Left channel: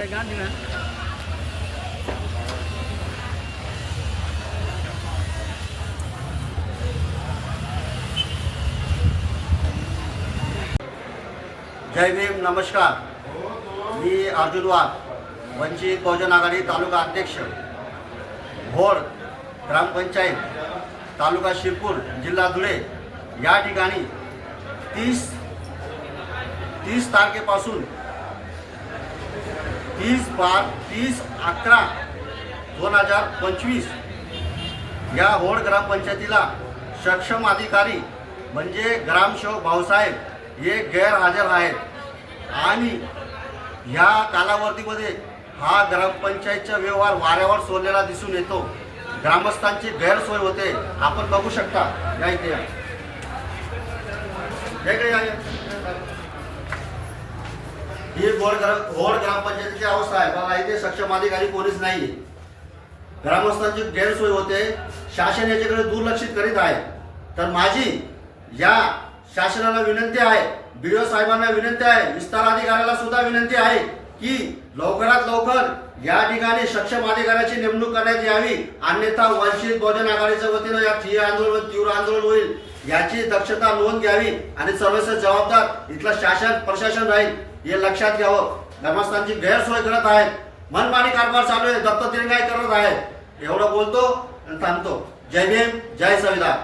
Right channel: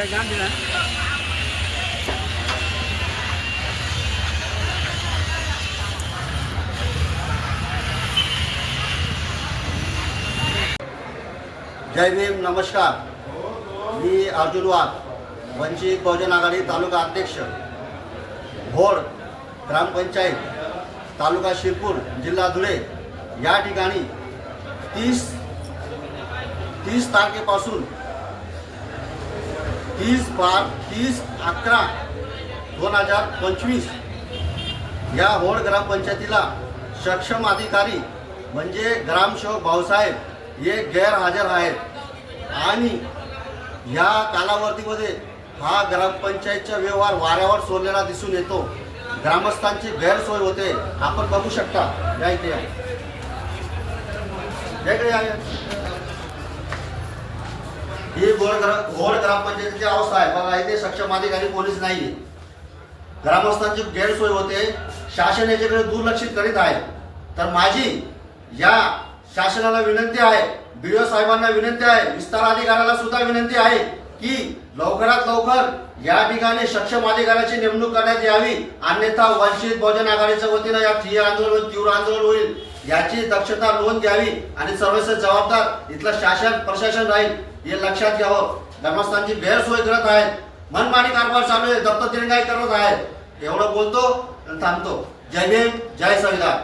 जय भीम, नमस्कार. मी अर्जुन वाघ, वंचित बहुजन आघाडी तालुका अध्यक्ष, भोर ग्रामपंचायत, तालुका शिरपूर, जिल्हा धुळे. या ठिकाणी 30 तारखेपासून 30/11/2025 या होड ग्रामपंचायतीला सक्षम अधिकारी म्हणजे ग्रामसेवक भाऊसाहेब हे गैरहजर आहेत आणि ह्या कालावधीमध्ये हा ग्रामपंचायतचा व्यवहार वाऱ्यावर सोडलेला दिसून येतो. ग्रामस्थांची गैरसोय होते. आपण बघू शकता. या इथे या, इकडे या. ही होड ग्रामपंचायतीची अवस्था आहे. मला इथे सक्षम अधिकारी पोलीस नाही. ग्रामस्थांची गैरसोय होते. शासन याच्याकडे दुर्लक्षित करीत आहे. तर माझी या शासनाला विनंती आहे, बीडीओ साहेबांना विनंती आहे, विस्तार अधिकाऱ्याला सुद्धा विनंती आहे की लवकरात लवकर या ठिकाणी सक्षम अधिकाऱ्याची नेमणूक करण्यात यावी. अन्यथा वंचित बहुजन आघाडीच्या वतीनं या ठिय्या आंदोलन तीव्र आंदोलन होईल. याची दक्षता नोंद घ्यावी आणि सर्वस्व जबाबदार इथलं शासन प्रशासन राहील हे लक्षात घ्यावं. ग्रामस्थांची गैरसोय करत आहेत. मनमानी कारभार चालू आहे. दत्त दिरंगाई करत आहेत. एवढं बोलतो आणि थांबतो. जय भीम, जय संविधान.